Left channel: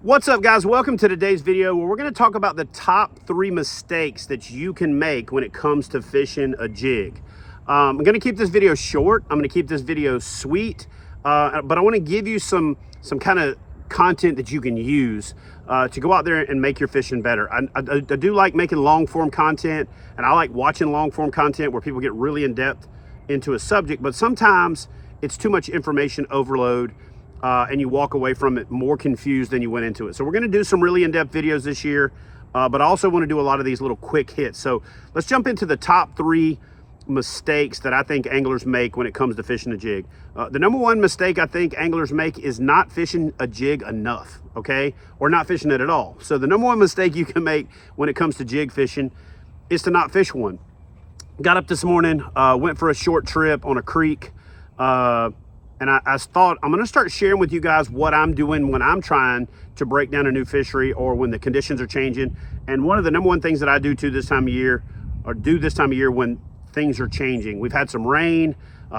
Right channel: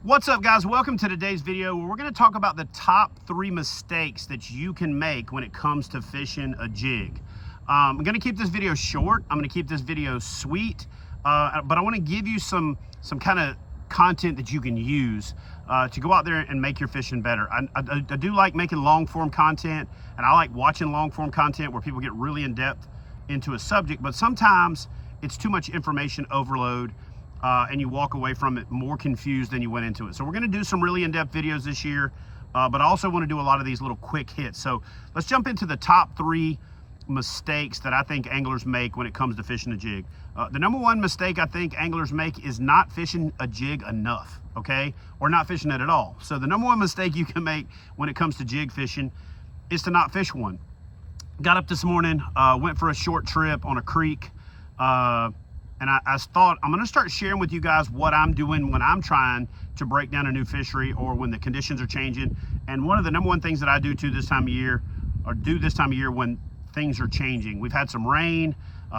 What's up, guys? Welcome to today's video where we're going to talk about the top 3 mistakes that you can make when it comes to fishing a jig. I'm going to keep this video short. I'm going to keep this video sweet, but I want to give you some kind of content that you can use to go out there and make your fishing better. I do like making long form content, and I like watching long form content where people get really in depth into a subject, but sometimes it's too much information overload. And you walk away from it more confused than you went into it. So we're going to do some really in-depth videos this year, but I also want to do a lot of these little quick hits. So let's jump into the top 3 mistakes that I think anglers make when it comes to fishing a jig. The number 1 mistake I think anglers make is not fishing a jig enough, okay? Or not fishing it at all. So the number 1 mistake you can make when it comes to jig fishing is to not fish one. Got up this morning, went for a short trip on a creek, and I thought I'm going to start sharing with you guys what I'm doing when I'm trying to break down a new fishery or when the conditions are changing. And one of the number 1 things that I do this time of year when things are changing. We've had some rain,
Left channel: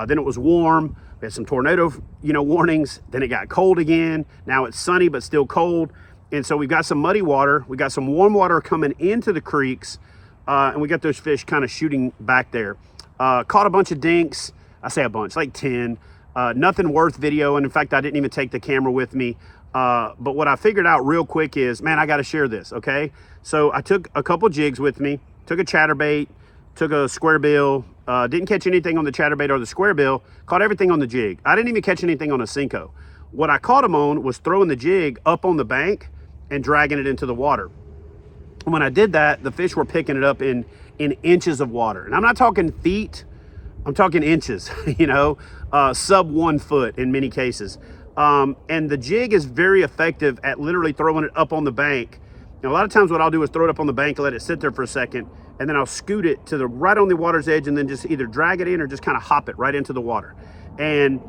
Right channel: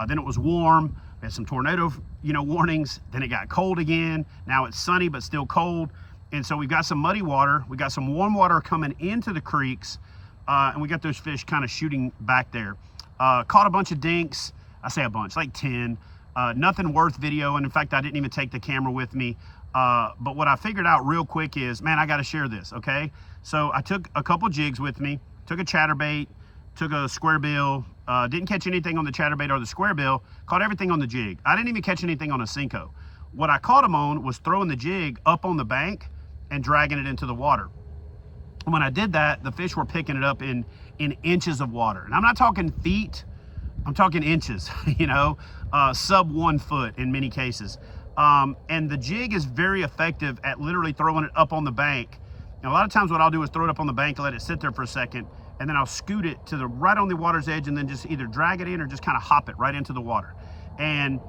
then it was warm. We had some tornado, warnings. Then it got cold again. Now it's sunny but still cold. And so we've got some muddy water. We got some warm water coming into the creeks, and we got those fish kind of shooting back there. Caught a bunch of dinks. I say a bunch, like 10. Nothing worth video, and in fact I didn't even take the camera with me, but what I figured out real quick is, man, I got to share this. Okay, so I took a couple jigs with me, took a chatterbait, took a square bill, didn't catch anything on the chatterbait or the square bill, caught everything on the jig. I didn't even catch anything on a Cinco. What I caught them on was throwing the jig up on the bank and dragging it into the water. And when I did that, the fish were picking it up in inches of water, and I'm not talking feet, I'm talking inches, sub 1 foot in many cases. And the jig is very effective at literally throwing it up on the bank. And a lot of times what I'll do is throw it up on the bank and let it sit there for a second, and then I'll scoot it to the right on the water's edge and then just either drag it in or just kind of hop it right into the water. And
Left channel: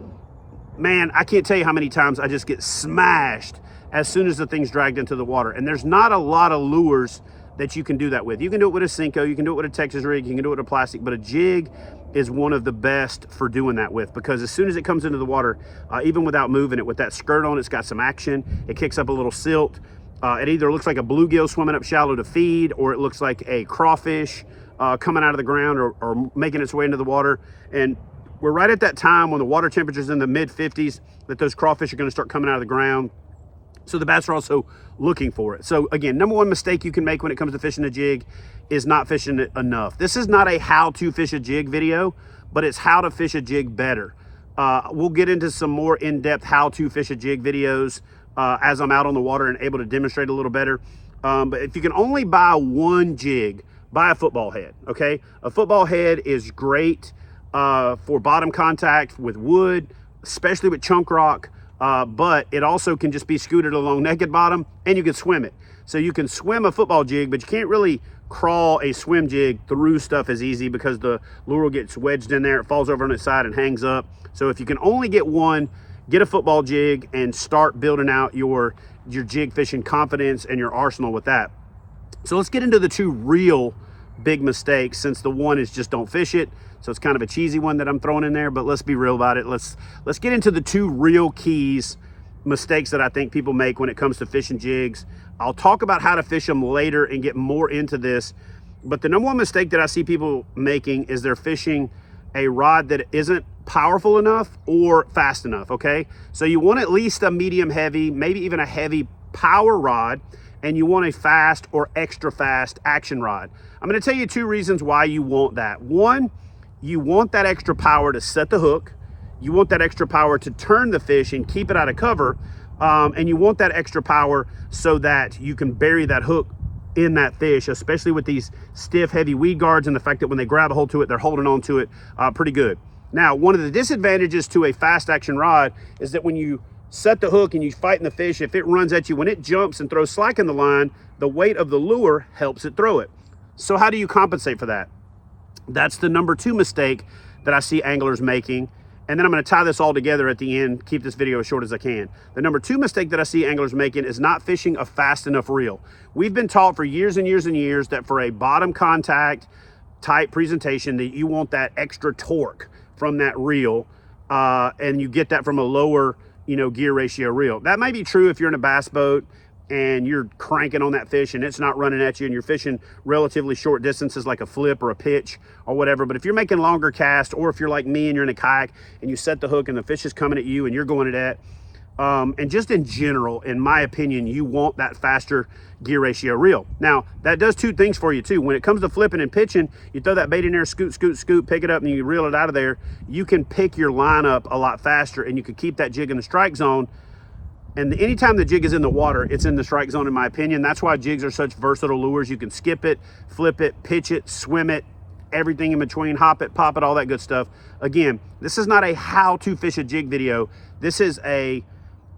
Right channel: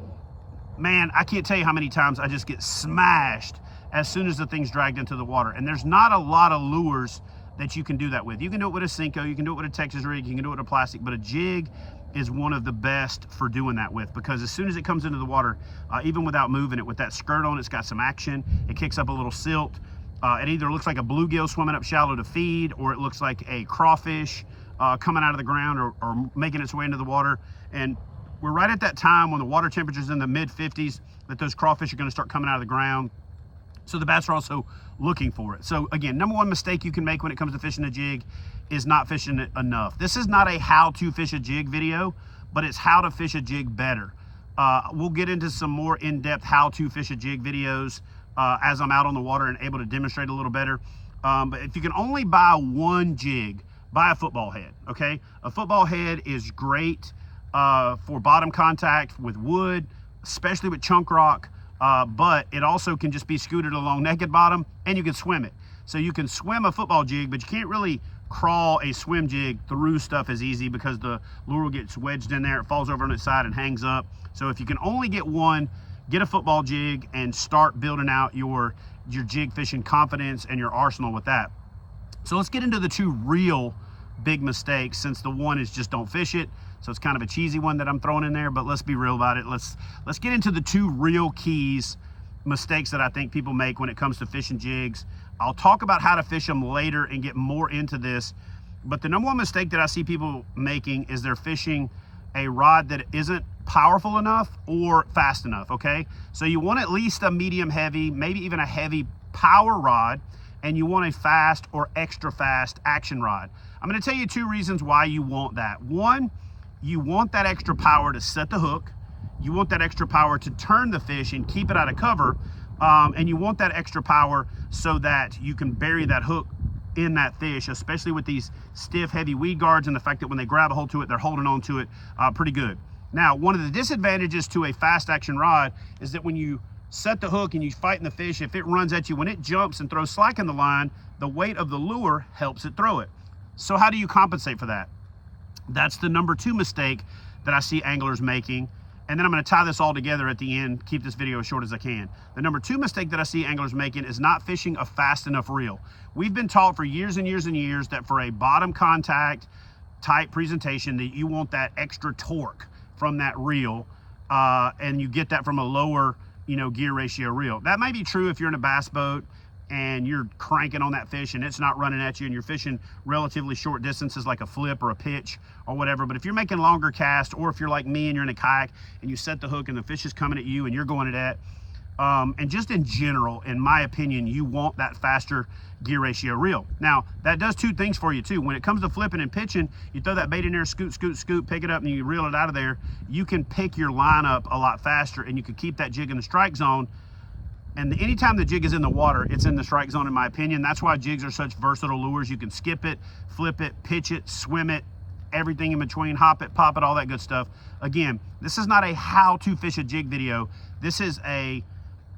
man, I can't tell you how many times I just get smashed as soon as the thing's dragged into the water. And there's not a lot of lures that you can do that with. You can do it with a Cinco, you can do it with a Texas rig, you can do it with a plastic, but a jig is one of the best for doing that with, because as soon as it comes into the water, even without moving it, with that skirt on, it's got some action. It kicks up a little silt. It either looks like a bluegill swimming up shallow to feed, or it looks like a crawfish coming out of the ground or making its way into the water. And we're right at that time when the water temperature's in the mid 50s that those crawfish are going to start coming out of the ground. So the bass are also looking for it. So again, number 1 mistake you can make when it comes to fishing a jig is not fishing it enough. This is not a how to fish a jig video, but it's how to fish a jig better. We'll get into some more in-depth how to fish a jig videos as I'm out on the water and able to demonstrate a little better. But if you can only buy 1 jig, buy a football head, okay? A football head is great for bottom contact with wood, especially with chunk rock. But it also can just be scooted along naked bottom, and you can swim it. So you can swim a football jig, but you can't really crawl a swim jig through stuff as easy because the lure gets wedged in there, it falls over on its side and hangs up. So if you can only get 1, get a football jig and start building out your jig fishing confidence and your arsenal with that. So let's get into the 2 real big mistakes, since the 1 is just don't fish it. So it's kind of a cheesy one that I'm throwing in there, but let's be real about it. Let's get into the 2 real mistakes that I think people make when it comes to fishing jigs. I'll talk about how to fish them later and get more into this. But the number 1 mistake that I see people making is they're fishing a rod that isn't powerful enough or fast enough, okay? So you want at least a medium heavy, maybe even a heavy power rod, and you want a fast or extra fast action rod. I'm gonna tell you 2 reasons why you want that. 1, you want that extra power to set the hook. You want that extra power to turn the fish and keep it out of cover. And you want that extra power so that you can bury that hook in that fish, especially with these stiff, heavy weed guards, and the fact that when they grab a hold to it, they're holding on to it pretty good. Now, one of the disadvantages to a fast action rod is that when you set the hook and you fighting the fish, if it runs at you, when it jumps and throws slack in the line, the weight of the lure helps it throw it. So how do you compensate for that? That's the number 2 mistake that I see anglers making. And then I'm going to tie this all together at the end, keep this video as short as I can. The number 2 mistake that I see anglers making is not fishing a fast enough reel. We've been taught for years and years and years that for a bottom contact type presentation that you want that extra torque from that reel, and you get that from a lower gear ratio reel. That might be true if you're in a bass boat and you're cranking on that fish and it's not running at you, and you're fishing relatively short distances like a flip or a pitch or whatever. But if you're making longer casts, or if you're like me and you're in a kayak and you set the hook and the fish is coming at you and you're going at that, and just in general, in my opinion, you want that faster gear ratio reel. Now, that does two things for you too. When it comes to flipping and pitching, you throw that bait in there, scoot, scoot, scoot, pick it up, and you reel it out of there. You can pick your line up a lot faster, and you can keep that jig in the strike zone. And anytime the jig is in the water, it's in the strike zone, in my opinion. That's why jigs are such versatile lures. You can skip it, flip it, pitch it, swim it, everything in between, hop it, pop it, all that good stuff. Again, this is not a how to fish a jig video. This is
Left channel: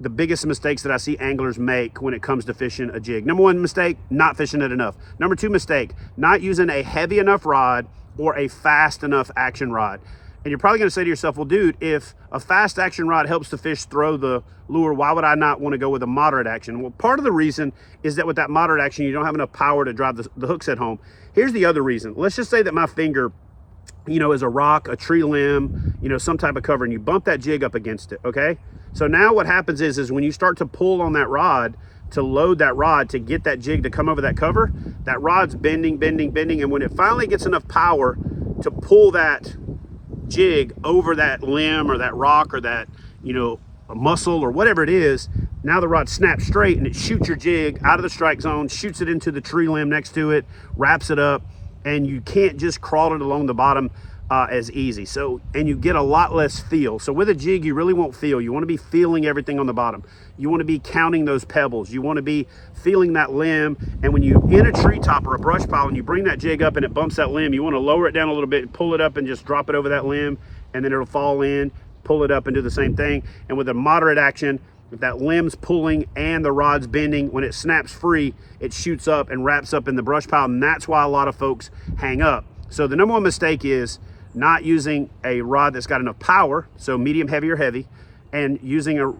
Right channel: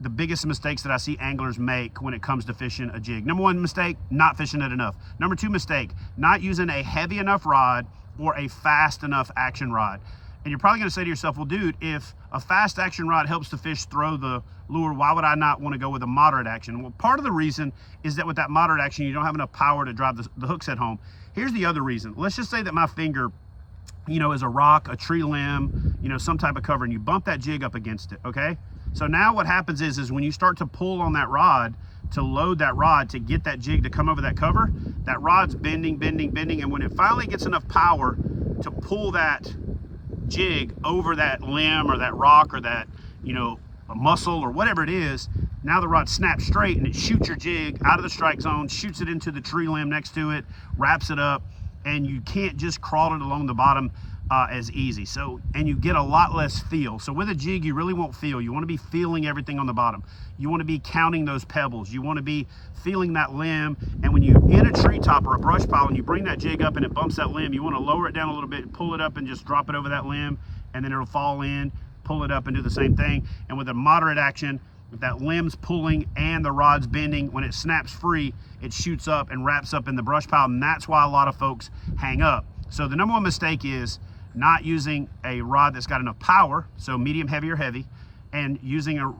the biggest mistakes that I see anglers make when it comes to fishing a jig. Number one mistake, not fishing it enough. Number two mistake, not using a heavy enough rod or a fast enough action rod. And you're probably gonna say to yourself, well, dude, if a fast action rod helps the fish throw the lure, why would I not wanna go with a moderate action? Well, part of the reason is that with that moderate action, you don't have enough power to drive the hook set home. Here's the other reason. Let's just say that my finger, you know, is a rock, a tree limb, you know, some type of cover, and you bump that jig up against it, okay? So now what happens is when you start to pull on that rod, to load that rod, to get that jig to come over that cover, that rod's bending, bending, bending, and when it finally gets enough power to pull that jig over that limb or that rock or that, you know, a mussel or whatever it is, now the rod snaps straight and it shoots your jig out of the strike zone, shoots it into the tree limb next to it, wraps it up, and you can't just crawl it along the bottom as easy. So, and you get a lot less feel. So with a jig, you really won't feel. You want to be feeling everything on the bottom. You want to be counting those pebbles. You want to be feeling that limb. And when you in a treetop or a brush pile and you bring that jig up and it bumps that limb, you want to lower it down a little bit, pull it up and just drop it over that limb, and then it'll fall in, pull it up and do the same thing. And with a moderate action, if that limb's pulling and the rod's bending, when it snaps free, it shoots up and wraps up in the brush pile. And that's why a lot of folks hang up. So the number one mistake is not using a rod that's got enough power, so medium, heavy, or heavy, and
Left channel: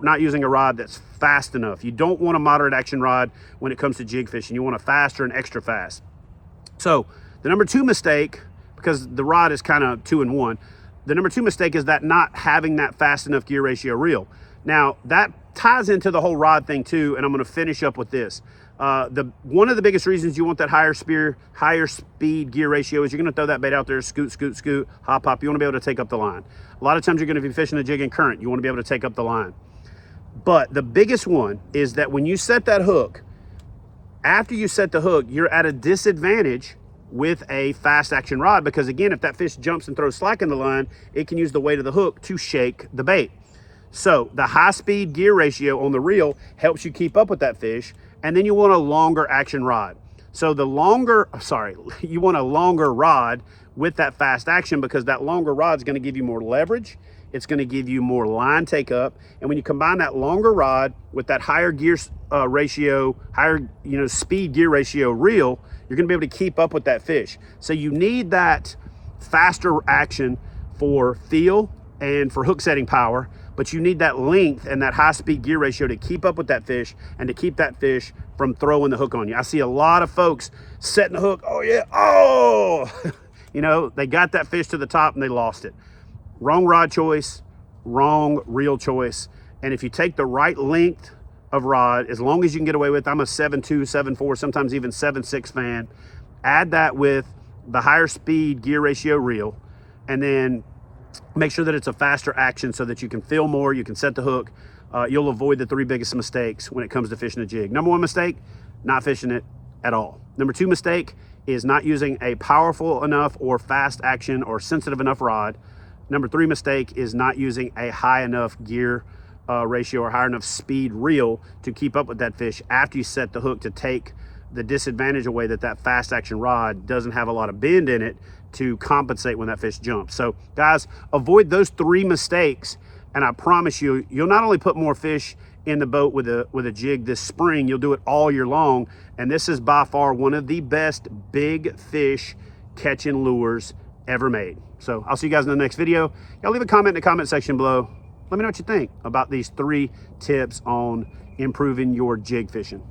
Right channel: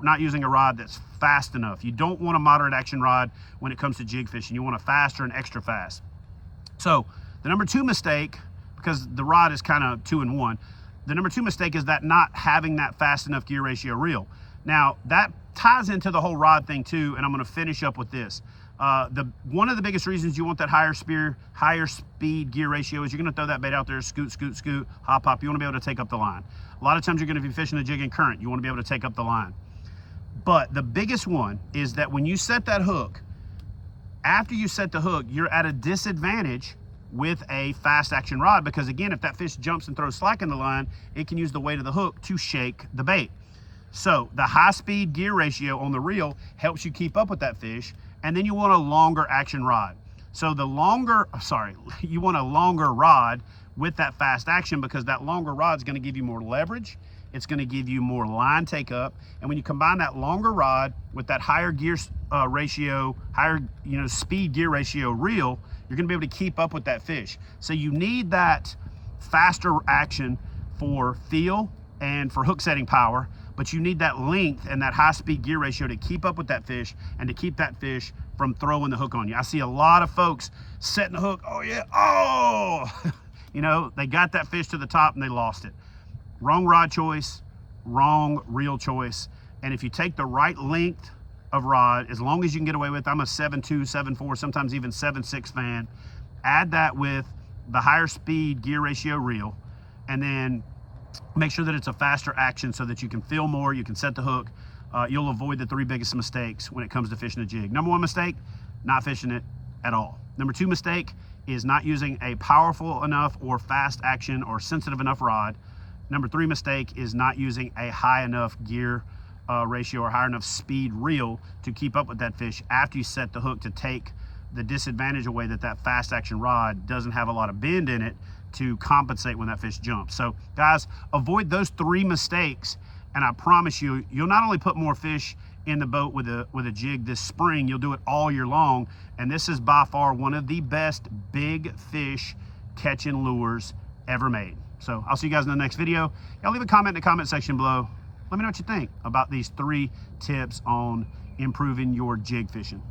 not using a rod that's fast enough. You don't want a moderate action rod when it comes to jig fishing. You want a faster and extra fast. So the number two mistake, because the rod is kind of 2 in 1, the number two mistake is that not having that fast enough gear ratio reel. Now that ties into the whole rod thing too, and I'm going to finish up with this. One of the biggest reasons you want that higher speed gear ratio is you're going to throw that bait out there, scoot, scoot, scoot, hop, hop. You want to be able to take up the line. A lot of times you're going to be fishing a jig in current. You want to be able to take up the line. But the biggest one is that when you set that hook, after you set the hook, you're at a disadvantage with a fast action rod, because again, if that fish jumps and throws slack in the line, it can use the weight of the hook to shake the bait. So the high speed gear ratio on the reel helps you keep up with that fish. And then you want a longer action rod. So you want a longer rod with that fast action, because that longer rod is going to give you more leverage. It's going to give you more line take up. And when you combine that longer rod with that higher gear ratio, higher, you know, speed gear ratio reel, you're going to be able to keep up with that fish. So you need that faster action for feel and for hook setting power, but you need that length and that high speed gear ratio to keep up with that fish and to keep that fish from throwing the hook on you. I see a lot of folks setting the hook, oh yeah, oh, you know, they got that fish to the top and they lost it. Wrong rod choice, wrong reel choice. And if you take the right length of rod, as long as you can get away with, I'm a 7.2, 7.4, sometimes even 7.6 fan, add that with the higher speed gear ratio reel, and then make sure that it's a faster action so that you can feel more, you can set the hook. You'll avoid the 3 biggest mistakes when it comes to fishing a jig. Number 1 mistake, not fishing it at all. Number 2 mistake is not using a powerful enough or fast action or sensitive enough rod. Number 3 mistake is not using a high enough gear ratio or high enough speed reel to keep up with that fish after you set the hook, to take the disadvantage away that that fast action rod doesn't have a lot of bend in it to compensate when that fish jumps. So guys, avoid those 3 mistakes, and I promise you, you'll not only put more fish in the boat with a jig this spring, you'll do it all year long. And this is by far one of the best big fish catching lures ever made. So I'll see you guys in the next video. Y'all leave a comment in the comment section below. Let me know what you think about these 3 tips on improving your jig fishing.